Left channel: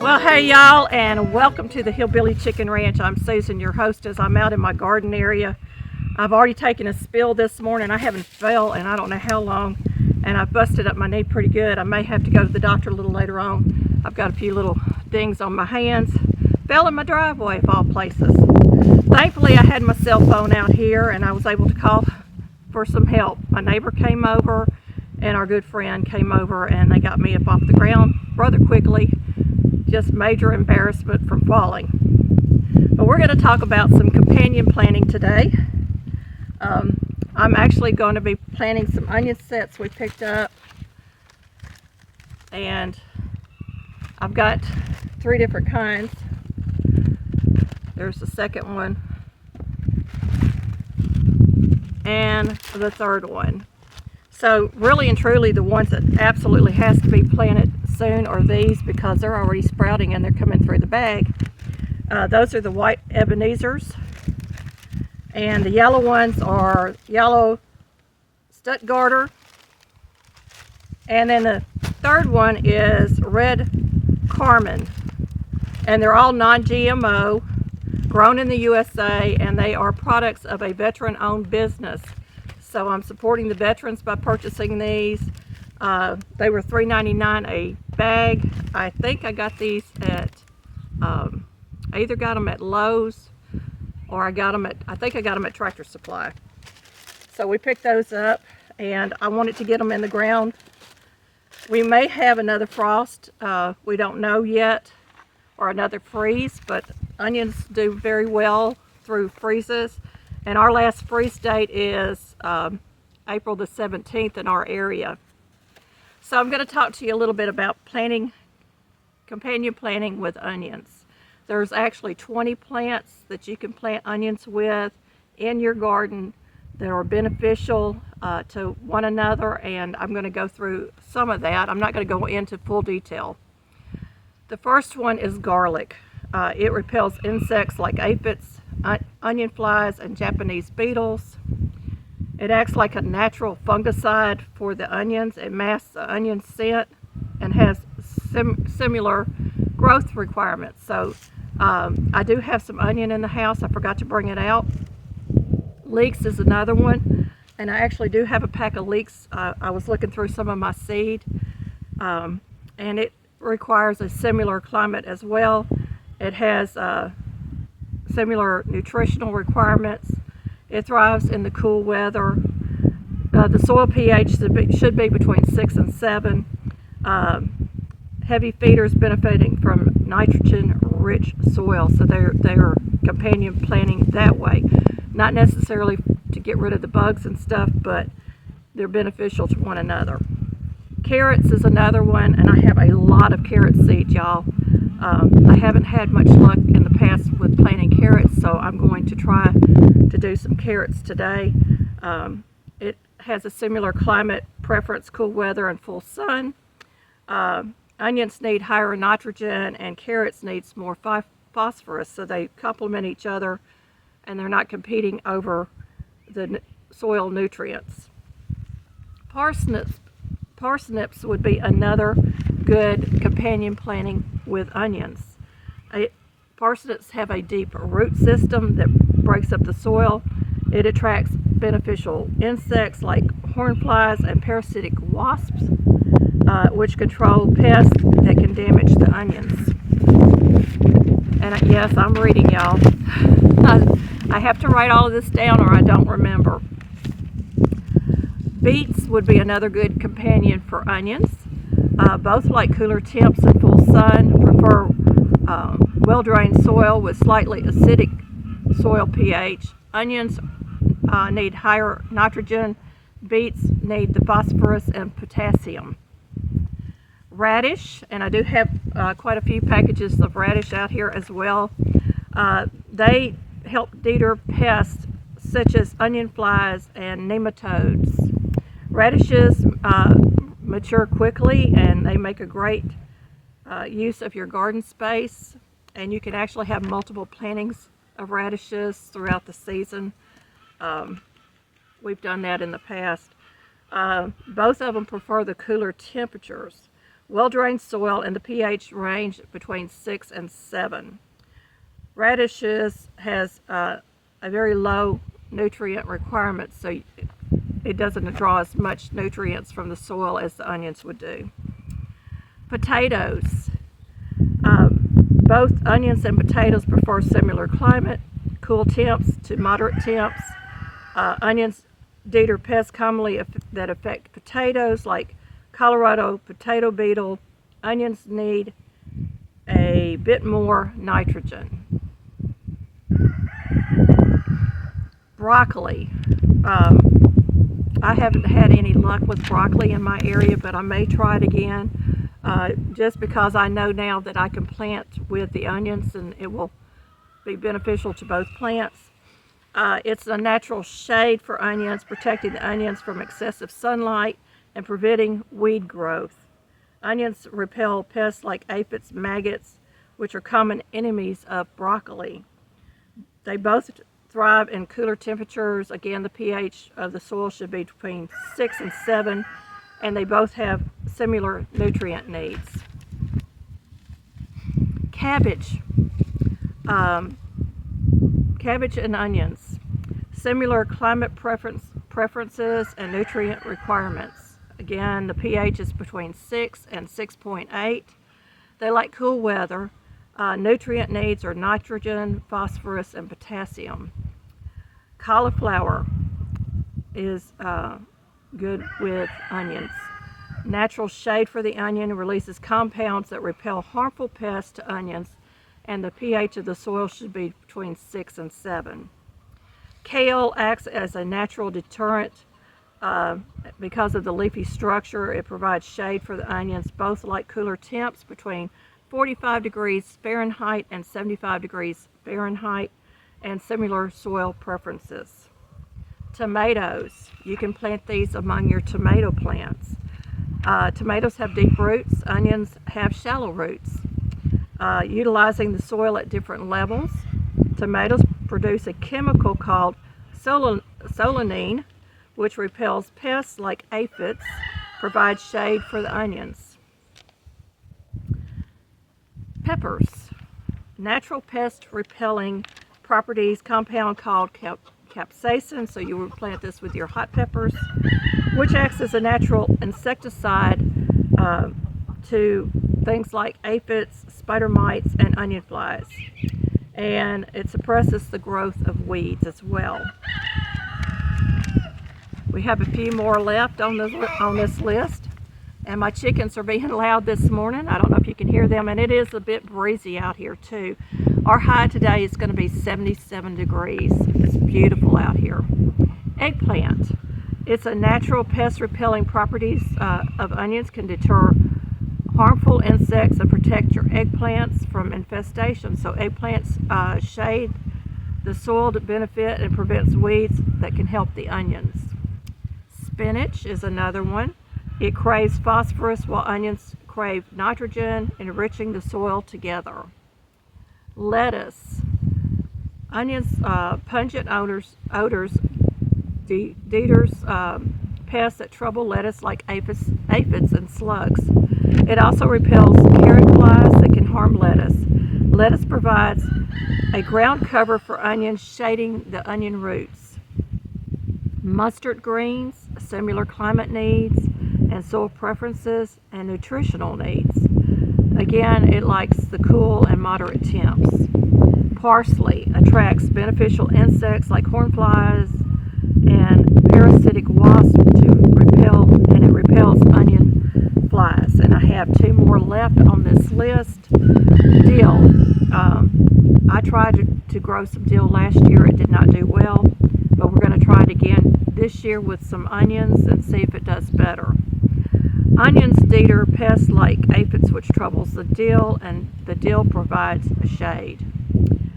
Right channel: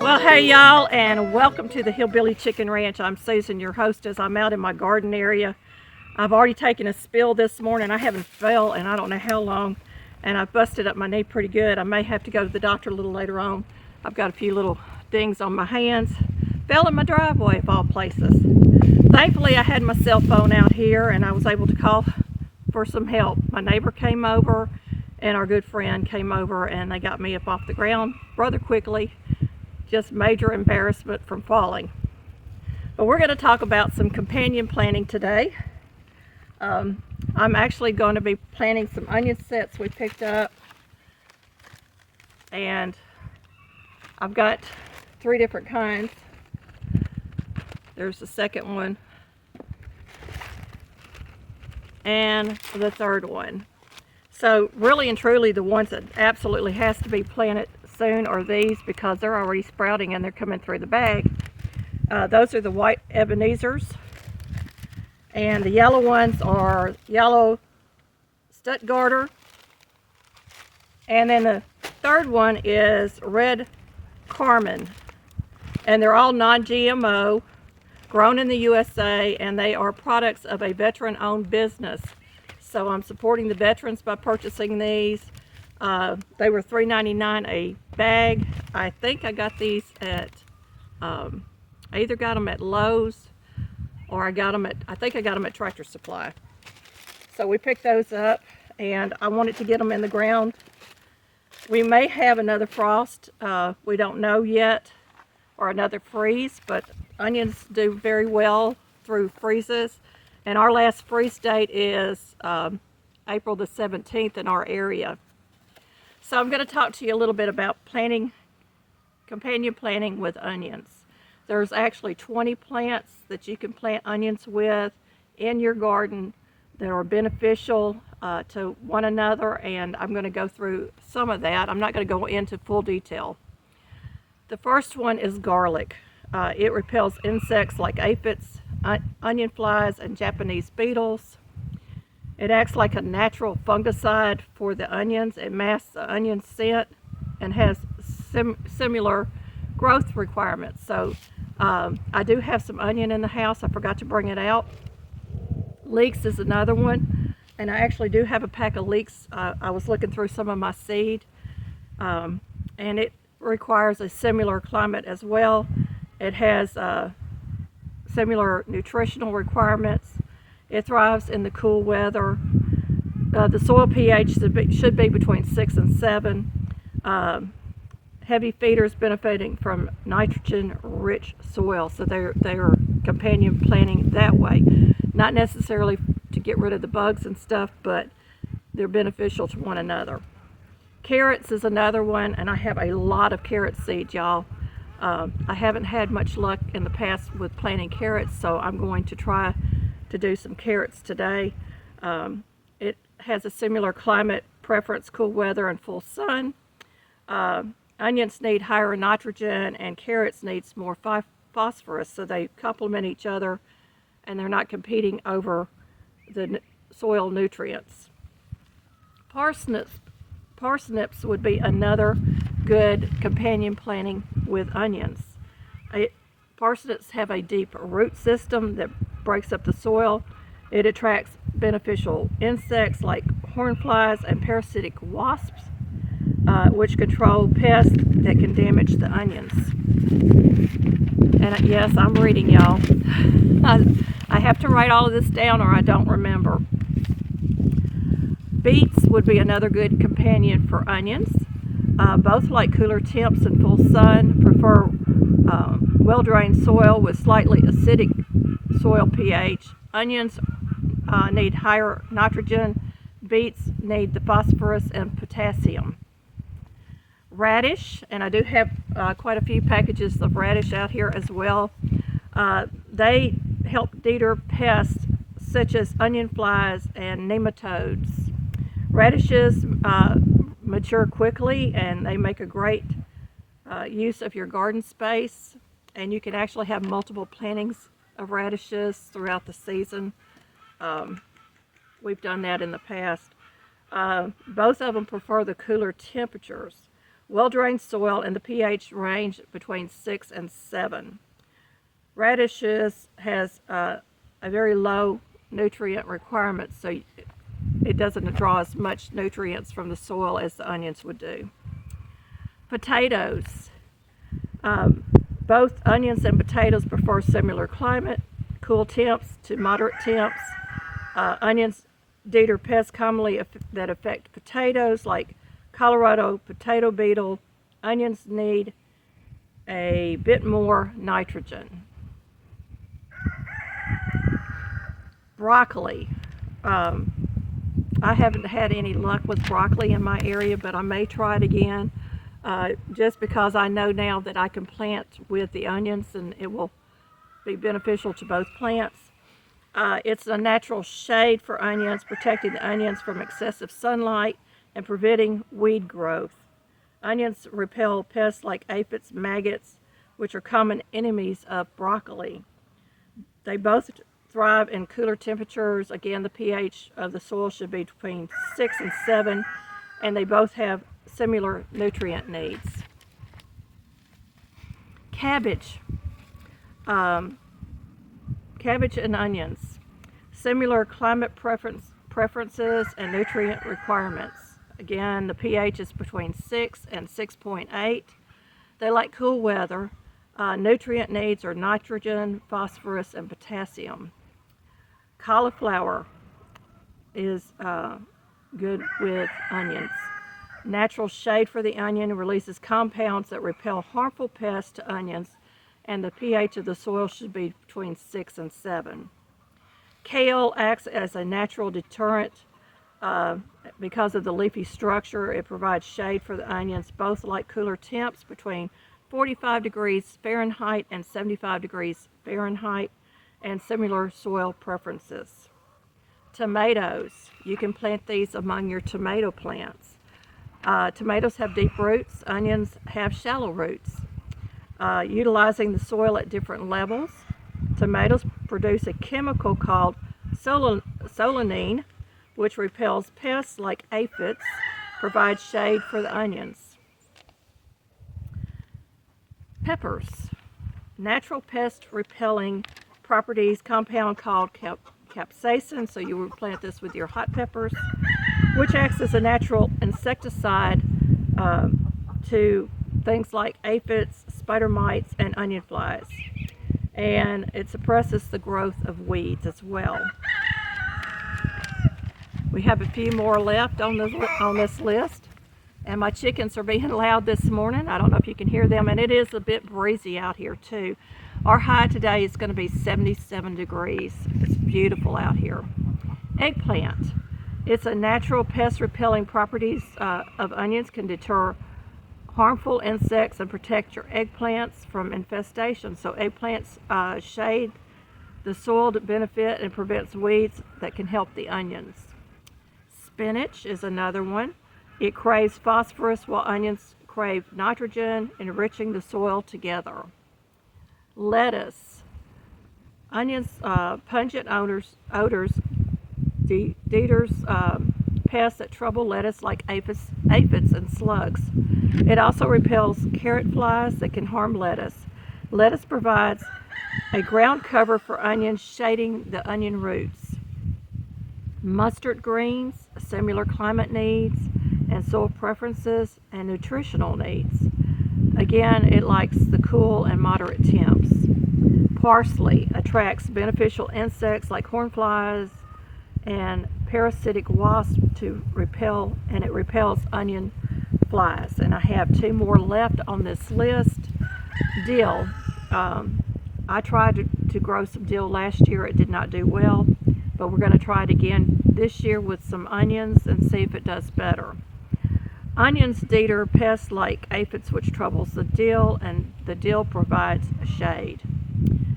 Well, hey y'all, and welcome to the Hillbilly Chicken Ranch. I'm Susan, your hostess. I'm out in my garden area. I've already taken a spill this morning. I haven't fell in I don't know how long, and I've busted up my knee pretty good. I may have to go to the doctor a little later on. I've got a few little dings on my hands. Fell in my driveway of all places. Thankfully, I had my cell phone out here and I was able to call for some help. My neighbor came over and our good friend came over, and they got me up off the ground rather quickly. Just major embarrassment from falling. But we're going to talk about some companion planting today. I'm actually going to be planting some onion sets we picked up, and I've got 3 different kinds. There's the second one and the third one. So really and truly, the ones that absolutely has to be planted soon are these, because they're already sprouting and they're coming through the bag. Those are the white Ebenezers, and the yellow ones are yellow Stuttgarter, and then the third one is red Carmen, and they're all non-GMO, grown in the USA, and they are products of a veteran-owned business. So I'm supporting the veterans by purchasing these. They were $3.99 a bag. I think I got these at, I either got them at Lowe's or I think I got them at Tractor Supply. So we picked those up, and I wanted to get them in the ground. We may have another frost, we don't know yet, or another freeze, but onions do very well through freezes. And our last freeze date is April the 17th in our area. So I'm going to talk to you a little bit about companion planting with onions. There's actually 20 plants that you can plant onions with in your garden that are beneficial to one another, and I'm going to go through some of that. I'm not going to go into full detail. The first one is garlic. It repels insects like aphids, onion flies, and Japanese beetles. It acts like a natural fungicide for the onions. It masks the onion scent and has similar growth requirements. So I do have some onion in the house. I forgot to bring it out. Leeks is another one, and I actually do have a pack of leeks. I was looking through some of my seed, and it requires a similar climate as well. It has similar nutritional requirements. It thrives in the cool weather. The soil pH should be between 6 and 7. Heavy feeders benefiting from nitrogen-rich soil, so they're companion planting that way. Not necessarily to get rid of the bugs and stuff, but they're beneficial to one another. Carrots is another one, and I have a lot of carrot seeds, y'all. I haven't had much luck in the past with planting carrots, so I'm going to try to do some carrots today. It has a similar climate preference, cool weather and full sun. Onions need higher nitrogen, and carrots needs more phosphorus, so they complement each other and they're not competing over the soil nutrients. Parsnips would be another good companion planting with onions. Parsnips have a deep root system that breaks up the soil. It attracts beneficial insects like hornflies and parasitic wasps, which control pests that can damage the onions. And yes, I'm reading, y'all. I have to write all of this down or I don't remember. Beets would be another good companion for onions. Both like cooler temps and full sun, prefer well-drained soil with slightly acidic soil pH. Onions need higher nitrogen beets need the phosphorus and potassium. Radish, and I do have quite a few packages of radish out here as well. They help deter pests such as onion flies and nematodes. Radishes mature quickly, and they make a great use of your garden space, and you can actually have multiple plantings of radishes throughout the season. We've done that in the past. Both of them prefer the cooler temperatures. Well-drained soil and the pH range between 6 and 7. Radishes has a very low nutrient requirement, so it doesn't draw as much nutrients from the soil as the onions would do. Potatoes. Both onions and potatoes prefer similar climate, cool temps to moderate temps. Onions deter pests commonly that affect potatoes, like Colorado potato beetle. Onions need a bit more nitrogen. Broccoli. I haven't had any luck with broccoli in my area, but I may try it again, just because I know now that I can plant with the onions and it will be beneficial to both plants. It's a natural shade for onions, protecting the onions from excessive sunlight and preventing weed growth. Onions repel pests like aphids, maggots, which are common enemies of broccoli. They both thrive in cooler temperatures. Again, the pH of the soil should be between 6 and 7, and they both have similar nutrient needs. Cabbage. Cabbage and onions. Similar climate preferences and nutrient requirements. Again, the pH is between 6 and 6.8. They like cool weather. Nutrient needs are nitrogen, phosphorus, and potassium. Cauliflower is good with onions. Natural shade for the onion releases compounds that repel harmful pests to onions, and the pH of the soil should be between 6 and 7. Kale acts as a natural deterrent. Because of the leafy structure, it provides shade for the onions. Both like cooler temps between 45 degrees Fahrenheit and 75 degrees Fahrenheit, and similar soil preferences. Tomatoes. You can plant these among your tomato plants. Tomatoes have deep roots. Onions have shallow roots. Utilizing the soil at different levels, tomatoes produce a chemical called solanine, which repels pests like aphids, provides shade for the onions. Peppers. Natural pest repelling properties compound called capsaicin, so you would plant this with your hot peppers, which acts as a natural insecticide to things like aphids, spider mites, and onion flies. And it suppresses the growth of weeds as well. We have a few more left on this list, and my chickens are being loud this morning. I don't know if you can hear them, and it is a bit breezy out here too. Our high today is going to be 77 degrees. It's beautiful out here. Eggplant. It's a natural pest repelling properties of onions can deter harmful insects and protect your eggplants from infestation. So eggplants shade the soil to benefit and prevents weeds that can help the onions. Spinach is another one. It craves phosphorus while onions crave nitrogen, enriching the soil together. Lettuce. Onions' pungent odors deters pests that trouble lettuce like aphids and slugs. It also repels carrot flies that can harm lettuce. Lettuce provides a ground cover for onions, shading the onion roots. Mustard greens, similar climate needs and soil preferences and nutritional needs. Again, it likes the cool and moderate temps. Parsley attracts beneficial insects like hornflies and parasitic wasps to repel, and it repels onion flies. And I have two more left on this list. Dill. I tried to grow some dill last year. It did not do well, but we're going to try it again this year with some onions and see if it does better. Onions deter pests like aphids, which troubles the dill, and the dill provides a shade.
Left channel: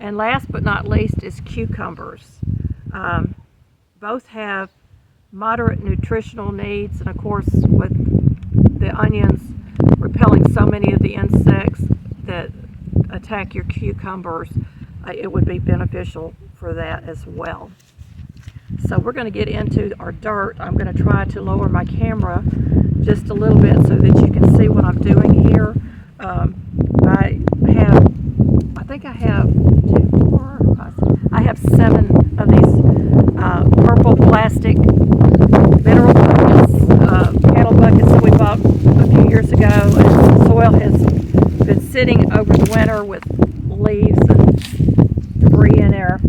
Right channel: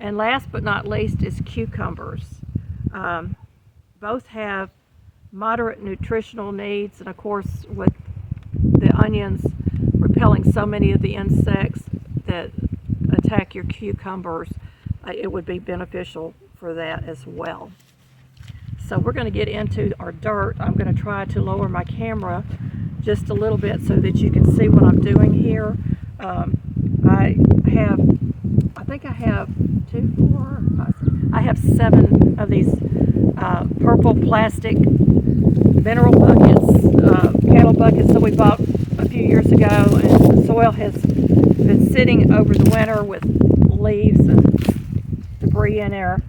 And last but not least is cucumbers. Both have moderate nutritional needs, and of course with the onions repelling so many of the insects that attack your cucumbers, it would be beneficial for that as well. So we're going to get into our dirt. I'm going to try to lower my camera just a little bit so that you can see what I'm doing here. I have 7 of these purple plastic mineral buckets, cattle buckets that we bought a few years ago, and the soil has been sitting over the winter with leaves and debris in there.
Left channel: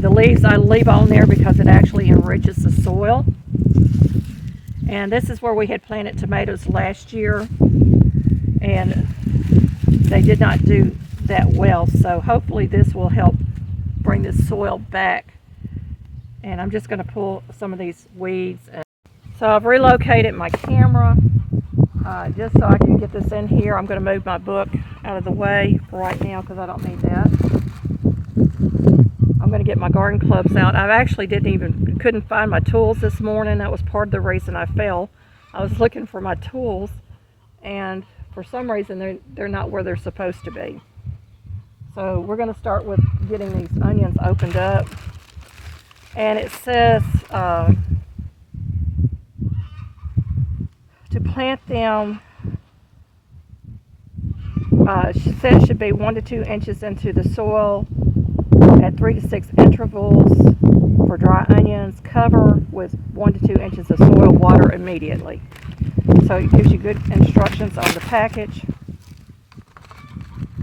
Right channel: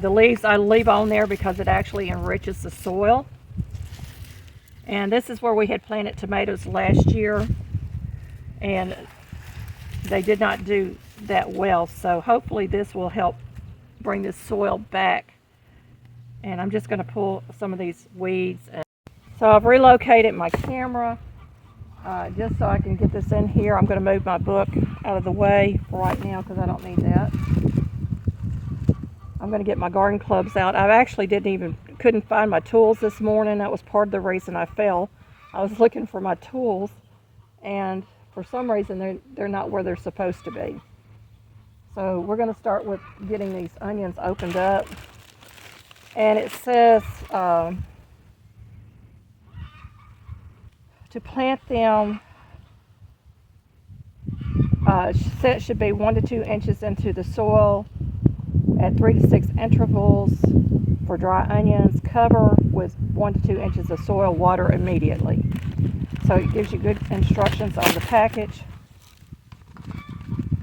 The leaves I leave on there because it actually enriches the soil. And this is where we had planted tomatoes last year, and they did not do that well, so hopefully this will help bring the soil back. And I'm just going to pull some of these weeds. So I've relocated my camera just so I can get this in here. I'm going to move my book out of the way right now because I don't need that. I'm going to get my garden clubs out. I actually couldn't find my tools this morning. That was part of the reason I fell. I was looking for my tools, and for some reason they're not where they're supposed to be. So we're going to start with getting these onions opened up. And it says to plant them, it should be 1 to 2 inches into the soil at 3 to 6 intervals for dry onions. Cover with 1 to 2 inches of soil, water immediately. So it gives you good instructions on the package.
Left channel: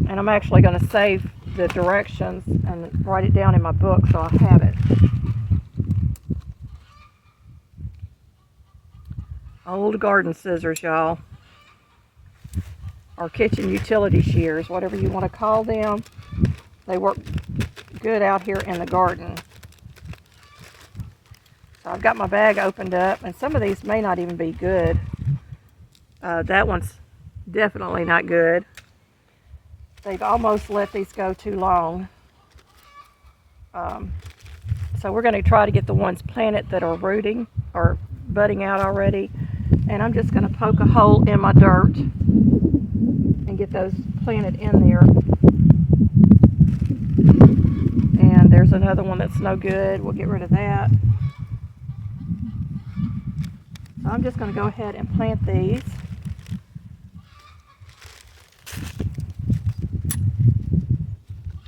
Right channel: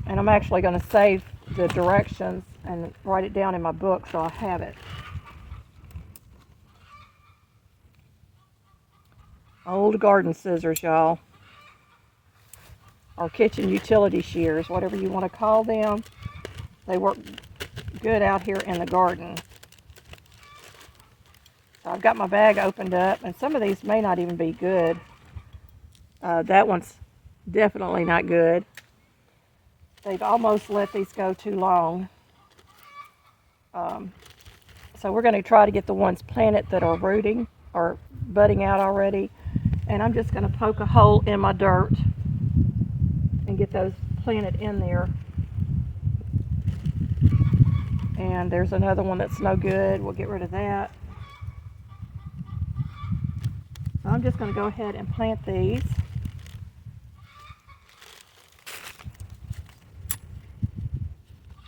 And I'm actually going to save the directions and write it down in my book so I have it. Old garden scissors, y'all. Or kitchen utility shears, whatever you want to call them. They work good out here in the garden. So I've got my bag opened up, and some of these may not even be good. That one's definitely not good. They've almost let these go too long. So we're going to try to get the ones planted that are rooting or budding out already. And I'm just going to poke a hole in my dirt and get those planted in there. And there's another one that's no good. We'll get rid of that. So I'm just going to go ahead and plant these.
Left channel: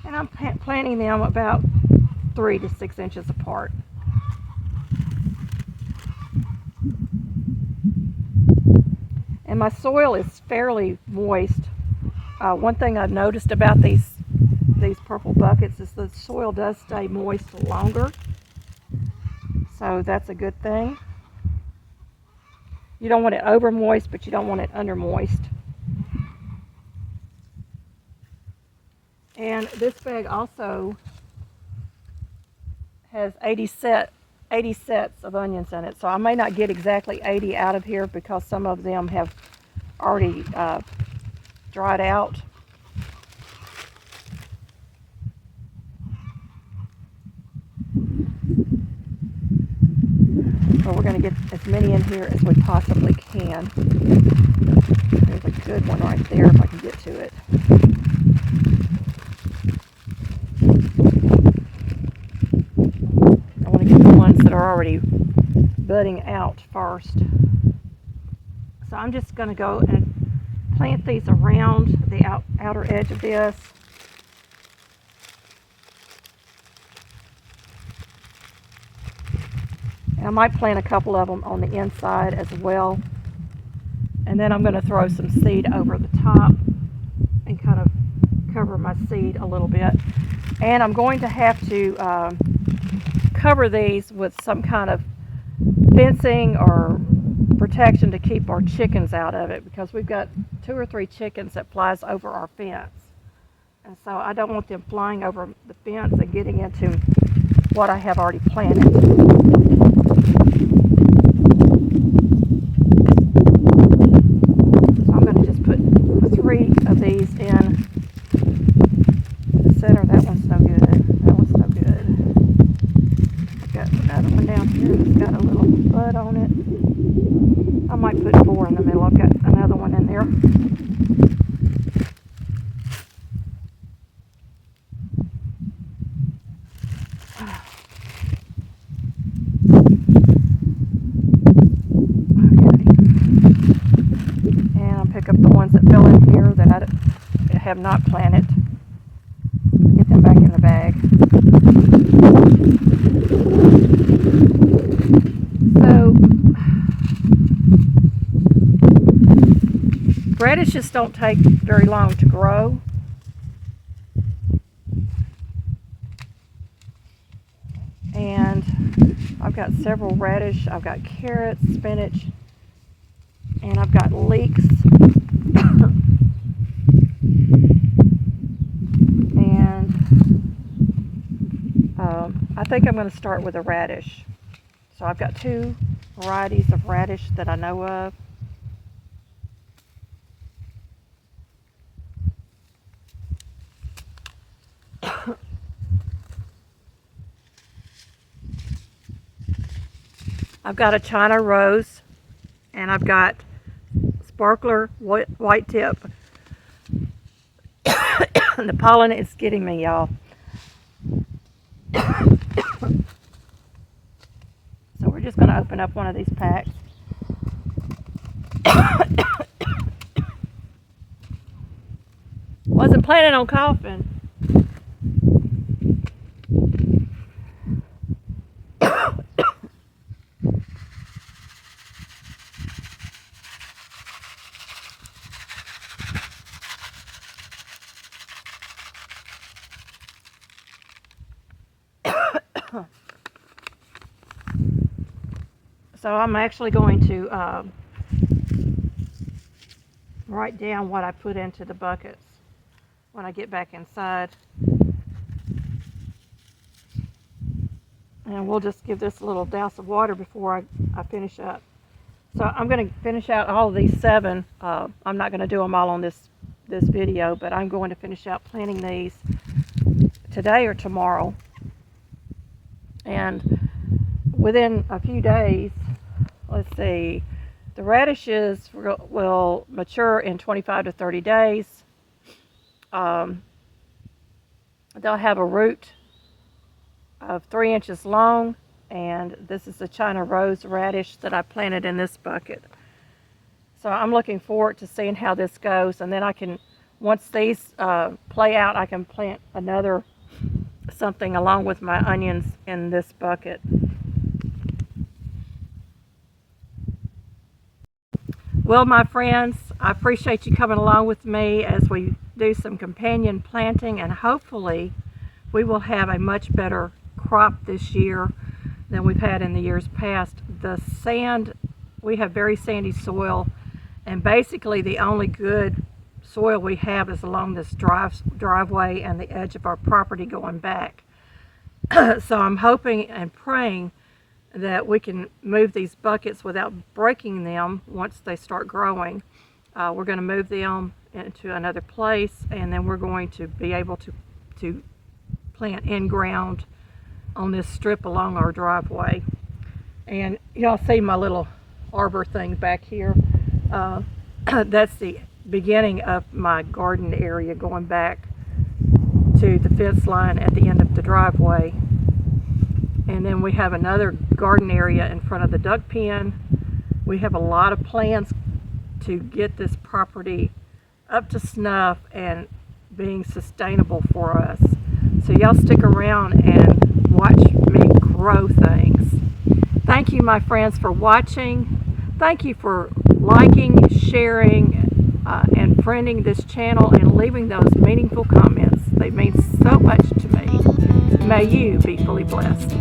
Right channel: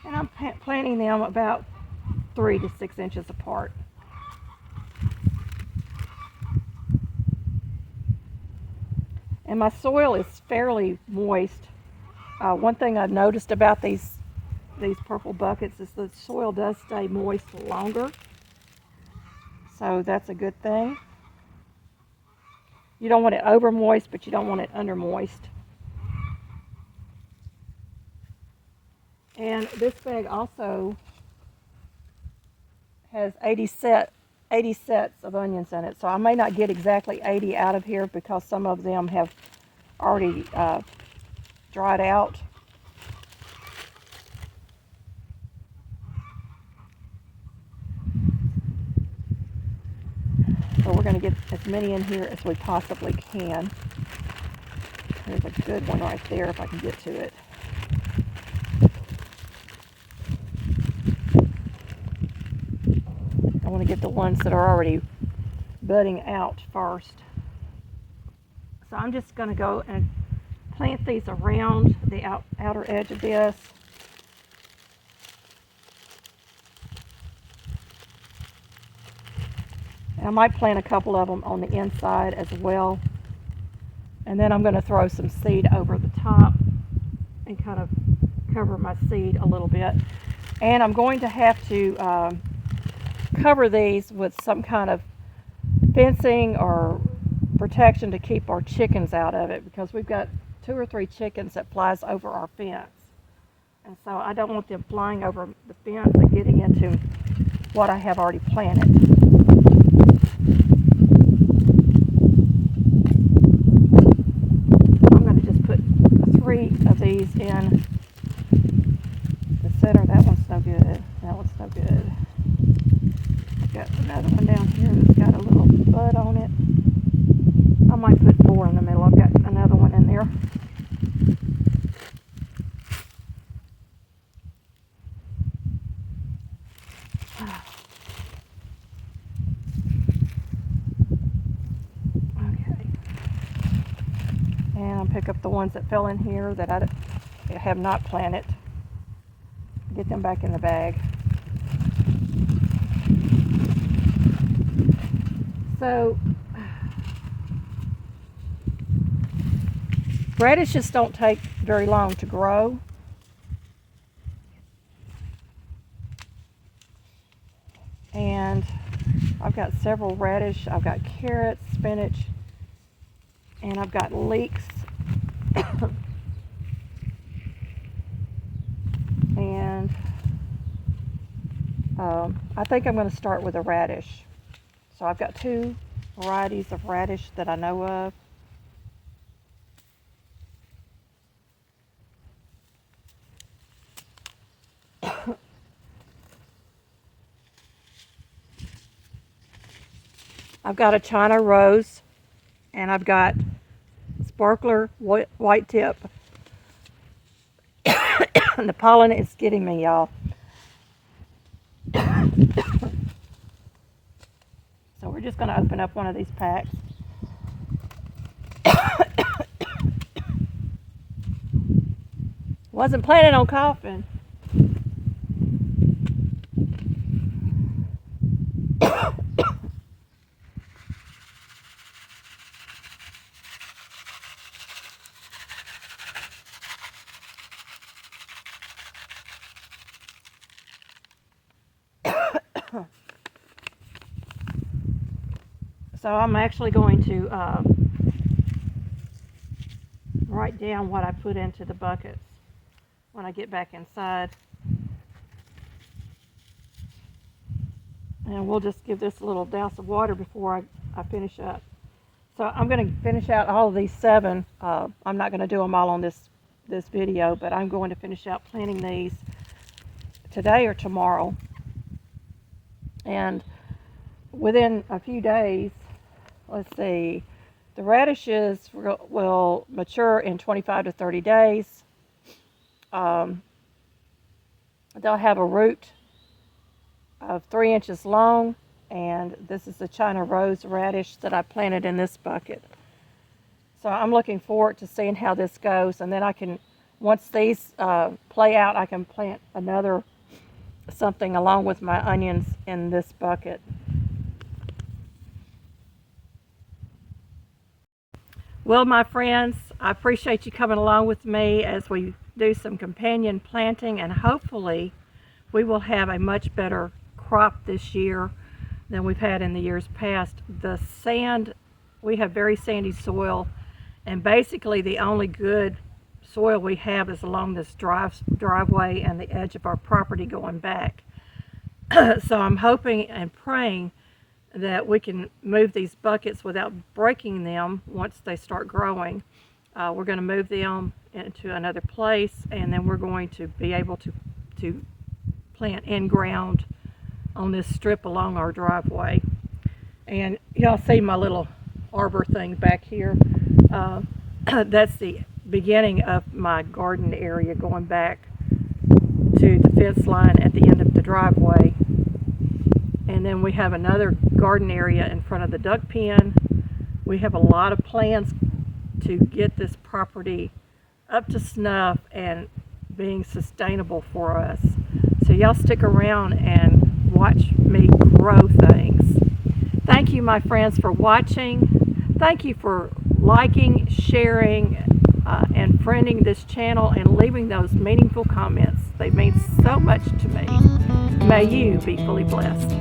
And I'm planting them about 3 to 6 inches apart. And my soil is fairly moist. One thing I've noticed about these purple buckets is the soil does stay moist longer. So that's a good thing. You don't want it over moist, but you don't want it under moist. And this bag also has 80 sets of onions in it. So I may not get exactly 80 out of here because some of them have already dried out. So we're going to get as many in here as we possibly can. There's a good one right there if I can get to it. I want to get the ones that are already budding out first. So I'm just going to go and plant these around the outer edge of this. And I might plant a couple of them on the inside as well. And then I'm going to throw some seed over the top and kind of cover my seed a little bit. And I'm going to have to cover these with some kind of fencing or protection to keep our chickens out of it, because we've got 2 or 3 chickens that flies over our fence. And so I don't want them flying over the fence and getting into what I have already planted. I'm going to just put 3 of these in the center. That one's no good. That one's no good. I've got another one down here that's got a little bud on it. I might put 4 in the middle. I've got another one in there. Pick up the ones that fell in here that I have not planted. Get them back in the bag. So, radishes don't take very long to grow. And I've got several radish. I've got carrots, spinach, and I've got leeks. And I think I'm going to start with a radish. So I've got 2 varieties of radish that I know of. I've got a China rose, and I've got sparkler white tip. The pollen is getting me, y'all. So we're just going to open up one of these packs. Wasn't planning on coughing. So I'm actually going to write down what I put into the buckets when I get back inside. And we'll just give this a little douse of water before I finish up. So I'm going to finish out all of these 7. I'm not going to do them all on this video, but I'm going to finish out planting these today or tomorrow. And within a few days, let's see, the radishes will mature in 25 to 30 days. They'll have a root of 3 inches long, and this is the China rose radish that I planted in this bucket. So I'm looking forward to seeing how this goes, and then I can, once these play out, I can plant another something along with my onions in this bucket. Well, my friends, I appreciate you coming along with me as we do some companion planting, and hopefully we will have a much better crop this year than we've had in the years past. The sand, we have very sandy soil, and basically the only good soil we have is along this driveway and the edge of our property going back. So I'm hoping and praying that we can move these buckets without breaking them once they start growing. We're going to move them into another place, and then we're going to be able to plant in ground on this strip along our driveway. And y'all see my little arbor thing back here. That's the beginning of my garden area going back to the fence line at the end of the driveway. And then we have another garden area in front of the duck pen. We have a lot of plans to get this property up to snuff and being sustainable for us. So y'all stick around and watch me grow things. Thank you, my friends, for watching. Thank you for liking, sharing, and friending this channel and leaving those meaningful comments. They mean so much to me. May you be fully blessed.